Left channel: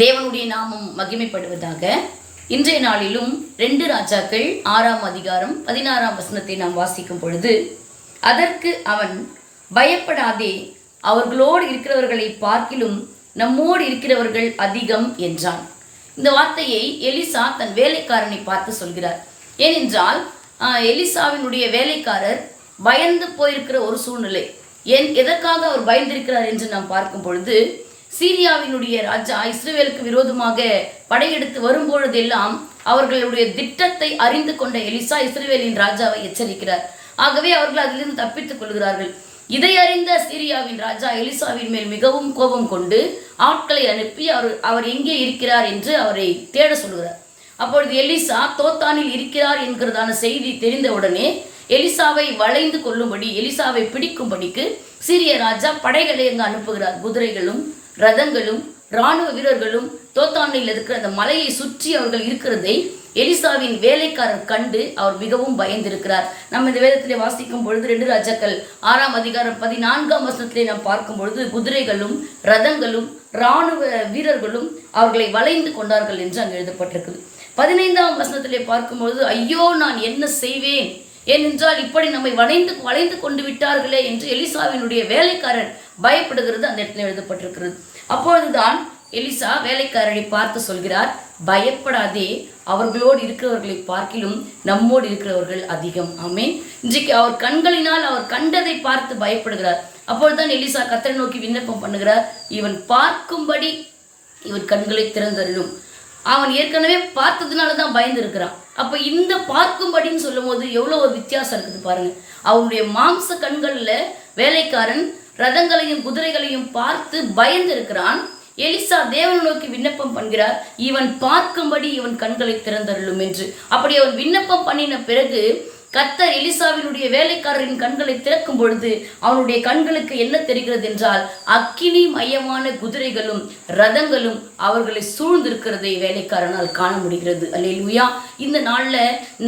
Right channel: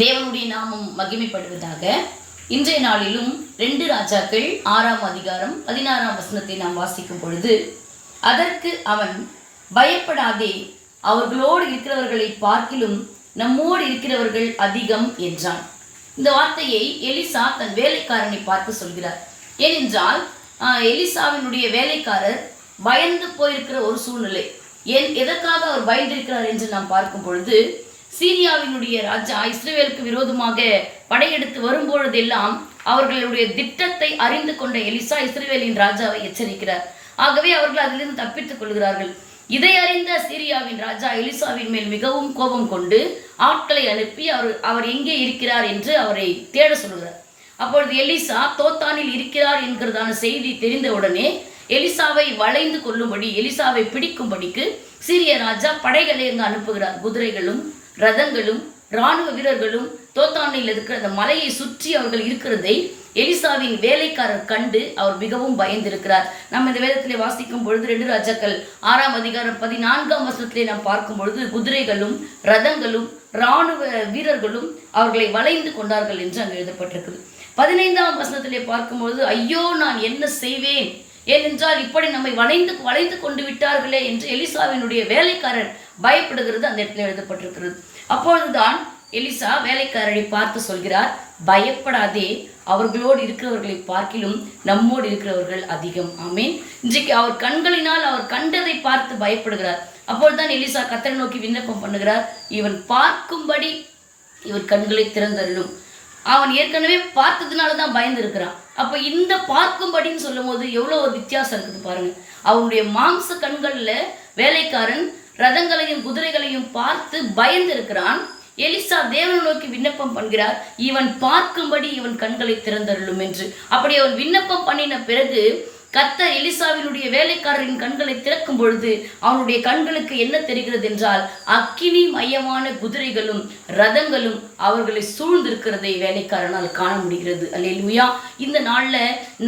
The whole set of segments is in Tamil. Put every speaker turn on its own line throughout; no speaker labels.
தேவனுடைய நாமம் மகிமைப்படுவதாக இன்றைய நாளிலும் ரெண்டு ராஜாக்கள் ஆறாம் அதிகாரம் பதினாறாம் வசனத்தை நாம் வாசிக்கும் பொழுது அதற்கு அவன் பயப்படாதே அவர்களோடு இருக்கிறவர்களை பார்க்கிலும் நம்மோடு இருக்கிறவர்கள் அதிகம் என்றான். இந்த வார்த்தையை எலிசா தன் வேலைக்காரனை பார்த்து சொல்கிறார். ஏனென்றால் எலிசாவினுடைய வேலைக்காரர் பயந்து போயிருக்கிற ஒரு சூழ்நிலை. ஏன் எதற்காக அவர் பயந்திருக்கிறார் என்று நாம் பார்க்கும் பொழுது சீரியாவினுடைய ராஜா இஸ்ரேலுக்கு விரோதமாக படையெடுத்து வரும்பொழுதெல்லாம் அவர்களுடைய திட்டத்தை அறிந்து கொண்ட எலிசா இஸ்ரேலின் ராஜாவை எச்சரிக்கிறார். ஆகவே அவர்கள் அதிலிருந்து தப்பித்துக் கொள்கிறார்கள். இதை அறிந்த சீரியாவின் ராஜா எலிசாவின் மேல் மிகவும் கோபம் கொண்டு ஆட்களை அனுப்பி அவர் அவர் எங்கே இருக்கிறார் என்று அவரை தேட சொல்கிறார் அப்பொழுது எலிசா தோத்தானில் இருக்கிறார் என்கிறதான செய்தி தெரிந்தவுடனே எலிசாவை வளைந்து கொள்ளும்படி எலிசாவை பிடிக்கும்படிக்கு சீரிய ராஜா படைகளை அங்கு அனுப்புகிறார். குதிரைகளும் ரதங்களும் இராணுவ வீரர்களும் தோத்தாண்டையில் இருக்கிற அந்த மலையை சுற்றி அவர்கள் இருக்கிறதை எலிசாவின் வேலைக்காரர் கண்டு அவர் மிகவும் பயந்திருக்கிறார். நம்ம இந்த வேதத்திலே வாசிக்கும் பொழுது ரெண்டு ராஜாக்கள் ஆறாம் அதிகாரம் பதினான்காம் வருஷத்திலே நாம் பார்க்கும் பொழுது குதிரைகளும் ரதங்களும் இராணுவ வீரர்களும் அவர்களை வளைந்து கொண்டார்கள் என்று அங்கு எழுதப்பட்டிருக்குது. பதினைந்தாம் வசனத்திலே பார்க்கும்பொழுது ஐயோ நான் என்ன செய்வேன்? ஏனென்றால் இப்படி நம்மை வளைந்து வளைந்து கொண்டு விட்டார்களே என்று எலிசாவினுடைய வேலைக்காரர் பயப்படுகிறது. அந்த இடத்துல எழுதப்பட்டிருக்கிறது. அப்பொழுதுதான் எலிசா வேலைக்காரரை பார்த்து சொல்கிறார் பயப்படாதே அவர்களோடு இருக்கிறவர்களை பார்க்கிலும் நம்மோடு இருக்கிறவர்கள் அதிகம். ஆமே இன்றைக்கு அவர் கண்களினால் அவர் கண்டதை பார்த்து பயப்படுகிறார். அப்பொழுதுதான் எலிசா கத்தரை நோக்கி விண்ணப்பம் பண்ணுகிறார். இவன் பார்க்கும்படி இவர் கண்களை திறந்தருளும். அவன் ஏற்கனவே பார்த்ததுனால தான் பயந்து இருக்கிறான் அப்போ இந்த பார்க்கும்படின்னு சொல்லும் போது எவ்வளோ ஒரு வித்தியாசம் இருக்குது பாருங்க. அவனுடைய மாம்ச கண்களில் வேலைக்காரன் ரதங்களையும் குதிரைகளையும் பார்த்து பயந்து இருக்கிறான் எலிசா தேவனை நோக்கி விண்ணப்பம் பண்ணுகிறார். இவன் பார்க்கும்படி இவன் கண்களை திறந்தருளும் என்று. அப்படி அவன் விண்ணப்பம் பண்ணின பிறகு கத்தர் எலிசாவினுடைய வேலைக்காரரின் கண்களை திறக்கும் பொழுது அவனுடைய கண்களுக்கு என்ன தெரிகிறது என்றால் அக்கினி மையமான குதிரைகளும் ரதங்களும் அவர்களை சூழ்ந்திருக்கிறதை வேலைக்காரனால் காண முடிகிறது. அல்லேலூயா. இந்த நாள்ல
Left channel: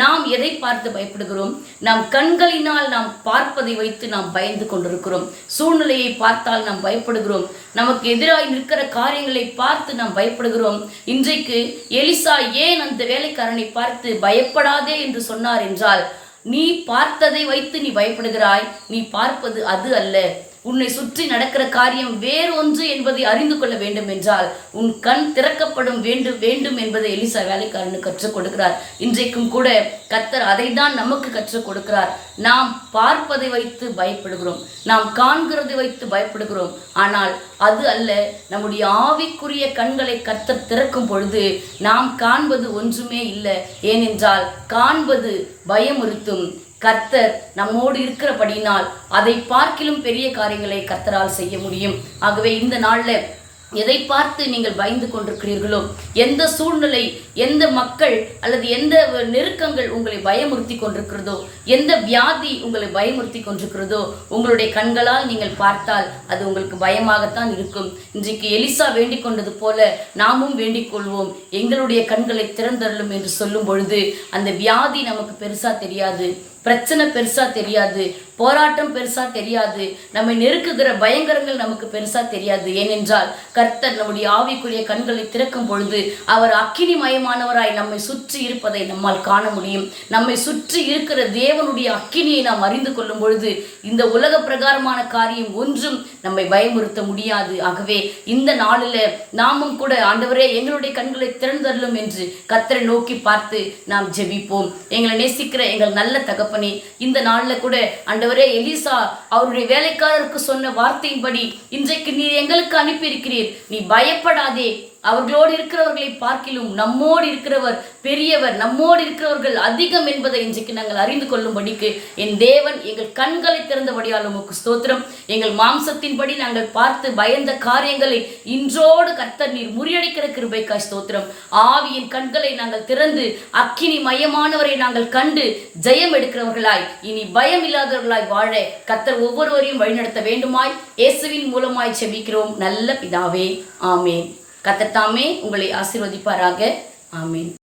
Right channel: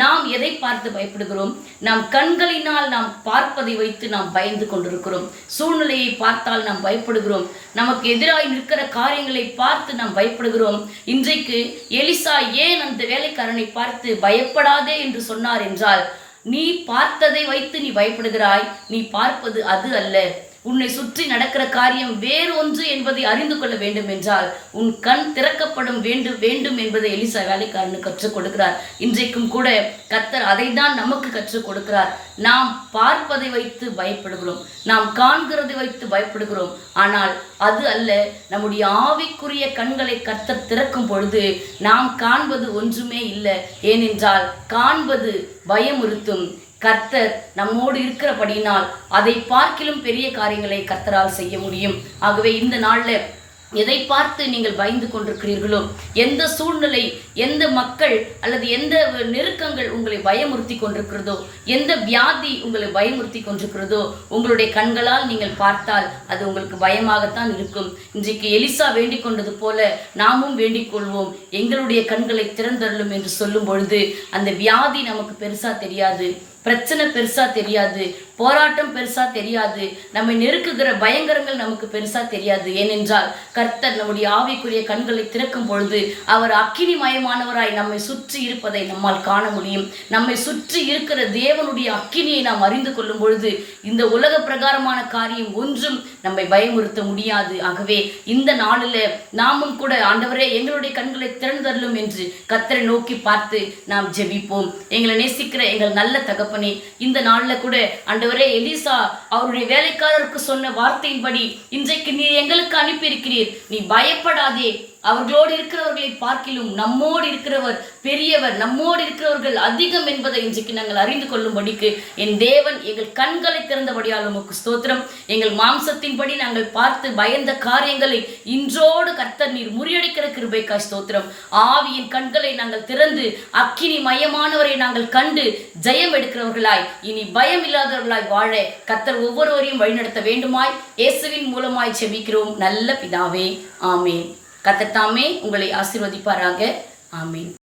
நாம் எதை பார்த்து பயப்படுகிறோம்? நாம் கண்களினால் நாம் பார்ப்பதை வைத்து நாம் பயந்து கொண்டிருக்கிறோம். சூழ்நிலையை பார்த்தால் நாம் பயப்படுகிறோம். நமக்கு எதிராக நிற்கிற காரியங்களை பார்த்து நாம் பயப்படுகிறோம். இன்றைக்கு எலிசா ஏன் அந்த வேலைக்காரனை பார்த்து பயப்படாதே என்று சொன்னார் என்றால் நீ பார்த்ததை வைத்து நீ பயப்படுகிறாய். நீ பார்ப்பது அது அல்ல. உன்னை சுற்றி நடக்கிற காரியம் வேறு ஒன்று என்பதை அறிந்து கொள்ள வேண்டும் என்றால் உன் கண் திறக்கப்படும் வேண்டும் வேண்டும் என்பதை எலிசா வேலைக்காரனு கற்றுக் கொடுக்கிறார். இன்றைக்கும் கூட கத்தர் அதை தான் நமக்கு கற்றுக் கொடுக்கிறார். நாம் பார்ப்பதை வைத்து பயப்படுகிறோம். நாம் காண்கிறதை வைத்து பயப்படுகிறோம். ஆனால் அது அல்ல நம்முடைய ஆவிக்குரிய கண்களை கத்தர் திறக்கும் பொழுது நாம் காண்பது ஒன்றுமே இல்லை. ஏனென்றால் காண்பது பயமுறுத்தும். கர்த்தர் நம்மோடு இருக்கிறபடியினால் அதை பார்க்கிலும் பெரிய காரியங்களை கர்த்தரால் செய்ய முடியும். ஆகவே இந்த நாளில் எதை பார்த்து நீங்கள் பயந்து கொண்டிருக்கிறீர்களோ எந்த சூழ்நிலை எந்த மக்கள் அல்லது எந்த நெருக்கங்கள் உங்களை பயமுறுத்தி கொண்டிருக்கிறதோ எந்த வியாதி உங்களை பயமுறுத்தி கொண்டிருக்கிறதோ உங்களுடைய கண்களால் நீங்கள் பார்த்தால் அது உங்களுக்கு பயமாகத்தான் இருக்கும். இன்றைக்கு எலிசா வேண்டிக் கொண்டது போல நாமும் வேண்டிக் கொள்வோம். எங்களுடைய கண்களை திறந்தருளும் என்று சொல்லும் பொழுது அந்த வியாதி நமக்கு பெருசா தெரியாது. பிரச்சனை பெருசாக தெரியாது போராட்டம் பெருசாக தெரியாது நம்மை நெருக்குகிற பயங்கரங்கள் நமக்கு பெருசாக தெரியாது. ஏனென்றால் கர்த்தர் நம்முடைய ஆவிக்குரிய கண்களை திறக்கும் பொழுது அவர் அக்கினி மயமானவராய் நம்மை சுற்றி இருப்பதை நம்மால் காண முடியும். நம்மை சுற்றி இருக்கிற தேவனுடைய அக்கினியை நாம் அறிந்து கொள்ளும் பொழுது இந்த உலக பிரகாரமான காரியம் ஒன்றும் நம்மை பயமுறுத்த முடியாது. ஆகவே இந்த நாளில் நாமும் கூட ஆண்டவரே எங்களுடைய கண்களை திறந்தரலும் என்று கர்த்தரை நோக்கி பார்த்து நாம் ஜெபிப்போம். எங்களை நேசிக்கிற எங்கள் நல்ல தகப்ப இந்த நாளில் கூட அண்டவரே எலிசா அவருடைய வேலைக்காரருக்கு சொன்ன வார்த்தையின்படி இன்றைக்கு நீர் எங்களுக்கு அனுப்பியிருக்கிறீர். நீ பயப்படாதே. அவர்களோடு இருக்கிறவர்களை பார்க்கிலும் நம்மோடு இருக்கிறவர் பெரியவர் நம்மோடு இருக்கிறவர்கள் அதிகம் என்பதை இன்றைக்கு நாங்கள் அறிந்து கொள்ளும்படிக்கு என் தேவன் எங்கள் கண்களை திறந்தபடியால் உமக்கு ஸ்தோத்திரம். எங்கள் மாம்சத்தின்படி நாங்கள் பார்த்து பயந்த காரியங்களை இன்றோடு கர்த்தர் நீர் முறியடிக்கிற கிருபைக்காய் ஸ்தோத்திரம். ஆவியின் கண்களை நாங்கள் திறந்து அக்கினி மயமானவரை நாங்கள் கண்டு ஜெயம் எடுக்கிறவர்களாய் இனி பயம் இல்லாதவர்களாய் வாழ கர்த்தர் ஒவ்வொருவரையும் வழிநடத்த வேண்டுமாய் இயேசுவின் மூலமாய் செபிக்கிறோம். நல்ல பிதாவே ஆமேன். கத்தத்தாமே உங்களை ஆசிர்வதிப்பாராக. ஆமீன்.